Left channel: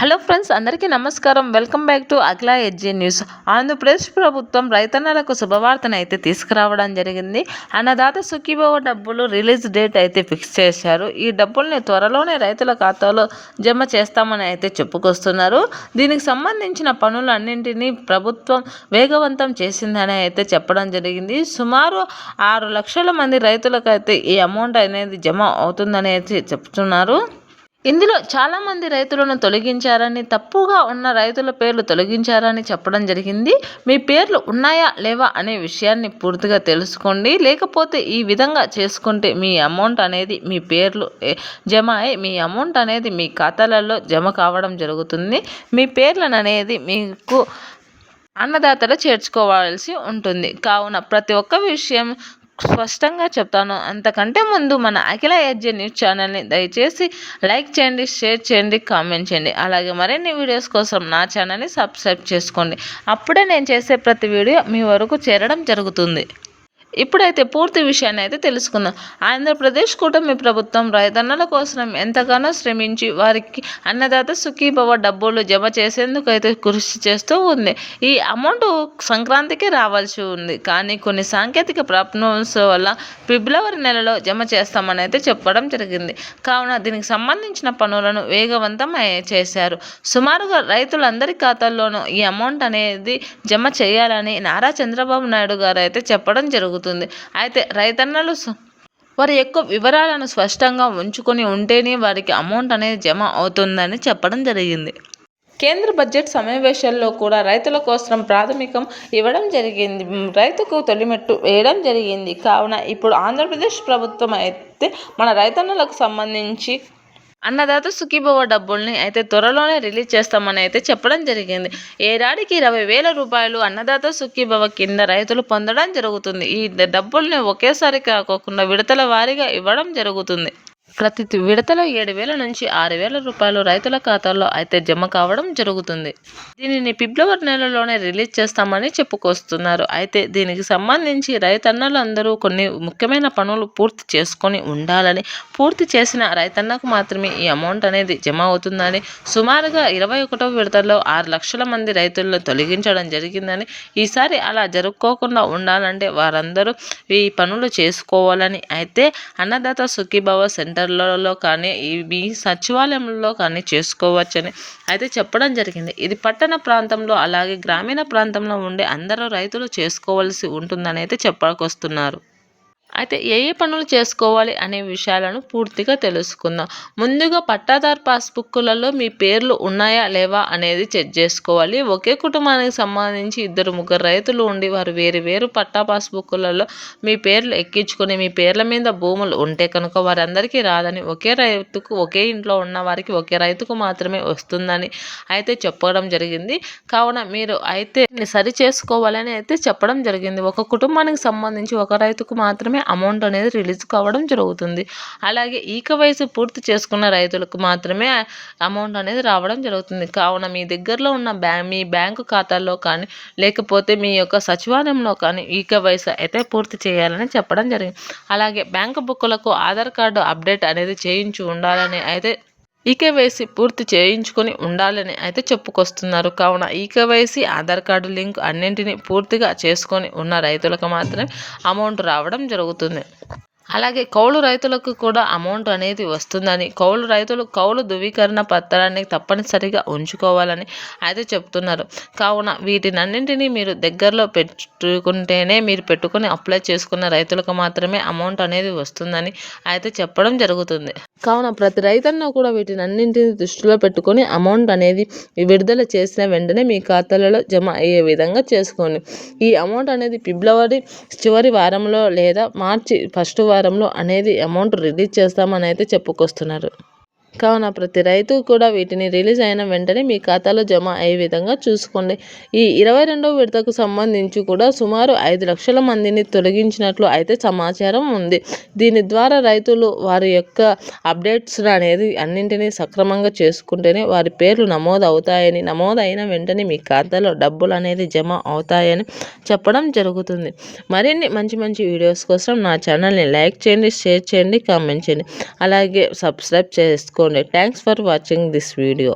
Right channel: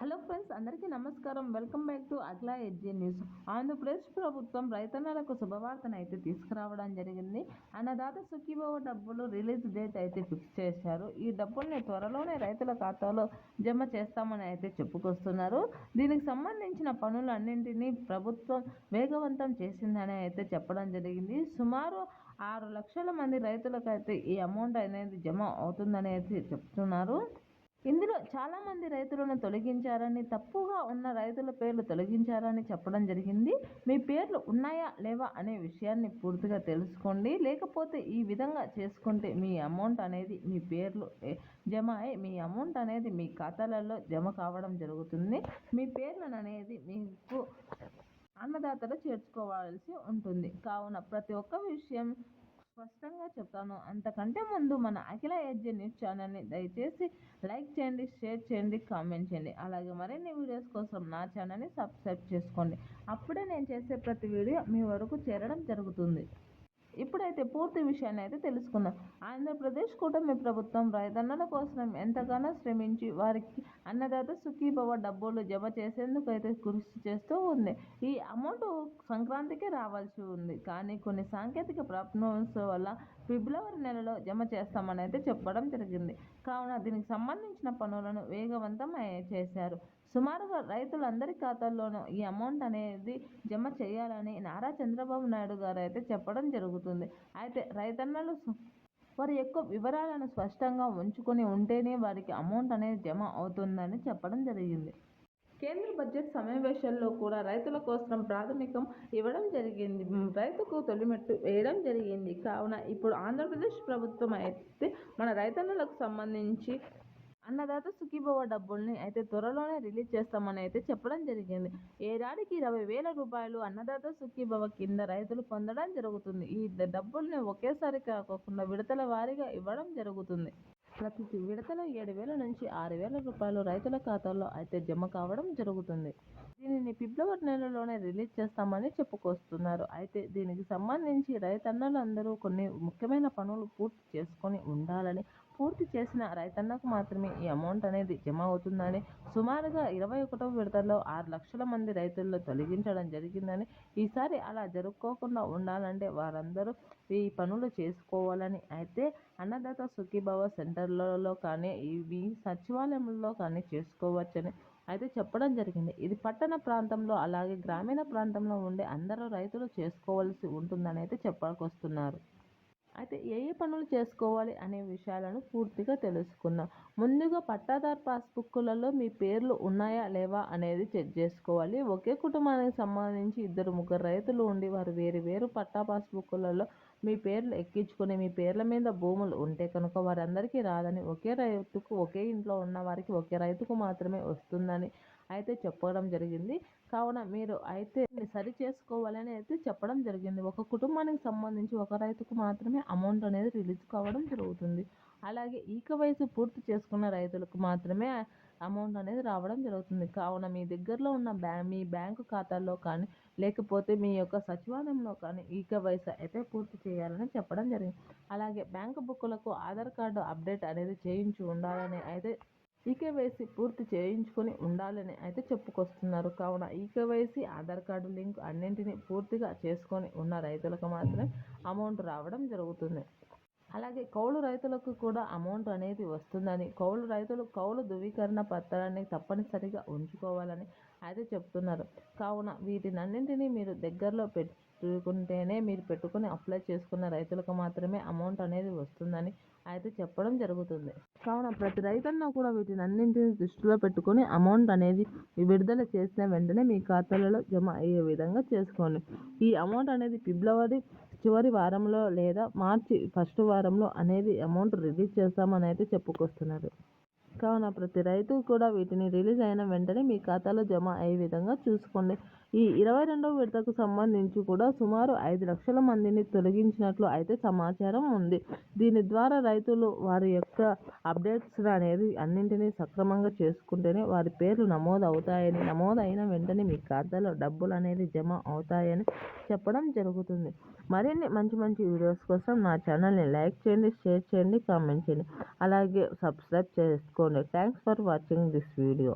Hello friends, అందరికీ నమస్కారం. Welcome back to Akhila edgy news. Andhra Pradesh ప్రభుత్వం రైతన్నలకు శుభవార్తను అయితే తీసుకురావడం జరిగింది. అన్నదాత సుఖీభవ డబ్బులు రిలీజ్ డేట్ అయితే ఫిక్స్ చేశారు. ఈ డబ్బుల్ని త్వరలోనే రైతుల ఖాతాలో జమ చేస్తామని అయితే చెప్పుకొస్తున్నారు. దీనికి సంబంధించిన పనులన్నింటినీ ప్రభుత్వం వేగవంతం చేసిందని అయితే చెప్పడం జరిగింది. సుమారు 6 లక్షల మంది రైతులకైతే ఈ అమౌంట్ అనేది జమ అవుతుందని అయితే చెప్తున్నారు. ఇందులో చాలామంది రైతులను తొలగించారని, తప్పుగా ఉన్న రైతుల పేర్లు తొలగించారని చెప్పడం జరిగింది. మీ పేర్లు ఉన్నాయా లేవా అనే విషయాన్ని పూర్తిగా తెలుసుకోండి. లేకపోతే ఈ విధంగా చేసుకుంటే మీ అమౌంట్ అనేది మీ పేర్లు జమ అయి మీ అమౌంట్ అనేది మీ ఖాతాలలో జమ కావడం జరుగుతుంది. మీ పేర్లను అనేది మీకు అన్నదాతలు చేర్చుకోవాల్సి ఉంటుంది. కావున ప్రతి ఒక్క విషయం స్పష్టంగా చెప్తాను. అంతకంటే ముందు మన అఖిల ఎడ్జీ న్యూస్ ఛానల్ని దయచేసి లైక్ చేయండి, షేర్ చేయండి, కామెంట్ చేయండి. అలాగే మరిన్ని వీడియోస్ కోసం నా ఛానల్ని సబ్స్క్రైబ్ చేసుకోండి. అప్పుడే నేను చేసే ప్రతి వీడియో మీ వరకు చేరడం జరుగుతుంది. ఇప్పుడైతే పూర్తి విషయాన్ని అయితే తెలుసుకుందాం. ఆంధ్రప్రదేశ్ కూటమి ప్రభుత్వం రైతన్నల కోసం ఎంతగానో శ్రమించి వారికి అన్నదాత సుఖీభవ డబ్బులు జమ చేసేందుకు అయితే కృషి చేస్తూ ఉంది. ఈ అమౌంట్ సంక్రాంతికి రావాల్సి ఉంది, కానీ కొన్ని సాంకేతిక ప్రాబ్లమ్స్ వల్ల ఫిబ్రవరి నెలలో జమ చేస్తామని అయితే చెప్పడం జరిగింది. కావున దీనికి సంబంధించిన పనులను వేగవంతం చేశారు. సుమారుగా రైతులందరి ఖాతాల్లోనూ ఈ అమౌంట్ అనేది జమ చేయాలని నారా చంద్రబాబు నాయుడు గారు అయితే చెప్పడం జరుగుతుంది. అయితే రైతన్నలు వారి యొక్క వివరాలను స్పష్టంగా ఉంచుకొని ఉంటేనే వారికి అమౌంట్ అనేది జమ అవుతుందని చెప్పడం జరిగింది. కేంద్ర బడ్జెట్ సమావేశాల్లో కూడా రైతుల కోసం ప్రాథమికం ఇవ్వడం జరిగింది. రైతుకు తొలిమెట్టు వేయడం జరిగింది. కావున ఇప్పుడు ఆంధ్రప్రదేశ్ ప్రభుత్వం అయితే మన రైతన్నలకు సంబంధించి అన్నదాత సుఖీభవ డబ్బుల్ని అయితే త్వరలోనే రిలీజ్ చేస్తామని అయితే చెప్పడం జరిగింది. ఏడాదికి 20,000 రూపాయలు అన్నదాత సుఖీభవ కింద రైతులు పొందడం జరుగుతుంది. ఈ డబ్బుల్ని ఒకేసారి కాకుండా విడతల వారీగా ఇవ్వడం జరుగుతుంది. ప్రతి విడతలో 7,000 నుంచి 6,000 రూపాయలు రైతుల ఖాతాల్లో అయితే జమ కావడం జరుగుతుంది. దీనిని ఫిబ్రవరి నెలలోనే రిలీజ్ చేస్తామని చెప్పుకొస్తున్నారు. అయితే దీనికి సంబంధించి రైతన్నలందరూ కొన్ని ముఖ్యమైన పనులు పూర్తి చేసుకొని ఉండాలని, పూర్తి చేసిన రైతన్నకు మాత్రమే ఈ అమౌంట్ అనేది జమ అవుతుందని, సుమారుగా 21వ విడతలో 6 లక్షల మంది రైతులను తొలగించడం జరిగిందని, ఈసారి అలా జరుపుకోకుండా ఉండాలంటే వారందరూ ఈ పనులు చేసుకోవాలని అయితే అన్నదాత సుఖీభవ సెంటర్ లలో కానీ మీ సచివాలయంలో కానీ చేసుకోవచ్చని అయితే చెప్పడం జరిగింది. ఇది పట్టణ ప్రాంతంలో అలాగే గ్రామీణ ప్రాంతంలో ఉండే అందరూ రైతులు చేసుకోవాల్సి ఉంటుందని అయితే చెప్పకొస్తున్నారు. అయితే ఏ పనులు చేసుకోవాలి అనే విషయాలను పూర్తిగా తెలుసుకుందాం. ముందుగా పట్టాదారు పాస్బుక్లలో మీ పేర్లు ఉన్నాయా లేవా అనేది చెక్ చేసుకోవాలి. ఒకే కుటుంబానికి సంబంధించి 2-3 రైతులు ఉండి వారు వేరు పట్టా పాస్బుక్లలో మీ పేర్లు ఎక్కించుకొని మీ పేర్ల మీద భూములు ఉంటే కనుక వారందరికీ రాదని, ఒకే రైతుకు ఒకే ఇంట్లో ఉన్న వారికి ఒకే రైతుకు మాత్రమే వస్తుందని అయితే చెప్పడం జరిగింది. కావున మీరు అయితే సరి చేసుకోవాలని అయితే చెప్పడం జరిగింది. ఒక కుటుంబానికి సంబంధించి ఒక రైతుకు మాత్రమే అమౌంట్ అనేది రిలీజ్ కావడం జరుగుతుంది. అలాగే ఈకవైసీ పూర్తి చేసుకున్న రైతులకు మాత్రమే అమౌంట్ అనేది రావడం జరుగుతుంది. కావున మీ దగ్గరలో ఉన్న మీ బ్యాంకు ఖాతాల్లో కానీ లేకపోతే మీ యొక్క సచివాలయంలో కానీ ఈకవైసీ అయితే పూర్తి చేయాలని చెప్పడం జరిగింది. అలాగే బ్యాంకు బుక్కులకు ఆధార్ కార్డు అప్డేట్ అనేది చేయించి ఉండాలని అయితే ఈకేవైసీ పూర్తి చేయించుకొని ఉండాలని అయితే చెప్పుకొస్తున్నారు. కావున ఈకేవైసీ ఆధార్ కార్డు లింక్ అన్నింటినీ పూర్తిగా చేసుకొని ఉన్న రైతులకు మాత్రమే అమౌంట్ రావడం జరుగుతుంది. అలాగే కౌలు రైతులకు కూడా అమౌంట్ అనేది వస్తుందని, కౌలు రైతులు కౌలు ధృవీకరణ పత్రాన్ని తప్పనిసరిగా ఉంచుకోవాలని అయితే చెప్తున్నారు. కావున వీటినన్నింటినీ మీరు దగ్గరలో పెట్టుకుంటేనే మీరు పెట్టుకుని అప్లై చేసుకున్న రైతులకు మాత్రమే అమౌంట్ అనేది వస్తుందని అయితే చెప్పడం జరుగుతుంది. కావున ప్రతి రైతన్న కూడా వీటినన్నింటినీ దృష్టిలో పెట్టుకొని అమౌంట్ అనేది విడుదల చేసిన వెంటనే మీ ఖాతాలలో జమ అయ్యే విధంగా చేసుకోండి. ఈ అమౌంట్ అనేది ఫిబ్రవరి చివరి వారంలో లేదా మార్చి ఫస్ట్ వారంలో అనేది అమౌంట్ రిలీజ్ చేస్తామని అయితే చెప్పుకొస్తున్నారు. కావున ప్రతి రైతు కూడా వీటిని రిలీజ్ అయిన వెంటనే మీ ఖాతాలో జమ అయ్యే విధంగా చూసుకోండి. ఈ 22వ విడతకు సంబంధించి కూడా సుమారు 5 లక్షల మందిని తొలగించినట్లు అయితే సమాచారం ఉంది. దీని ద్వారా రైతులు వారి యొక్క అప్డేట్స్ అనేది అన్నింటినీ సక్రమంగా చేసుకుంటేనే వారి పేర్లు నమోదు అవుతాయని, నమోదు అయిన వెంటనే మీ ఖాతాలో డబ్బులు అనేది జమ అవుతాయని చెప్పడం జరుగుతుంది. మరిన్ని మంచి వీడియోస్ కోసం నా ఛానల్ని లైక్ చేయండి, షేర్ చేయండి, కామెంట్ చేయండి. అలాగే సబ్స్క్రైబ్ చేసుకోండి. Thanks for watching this video.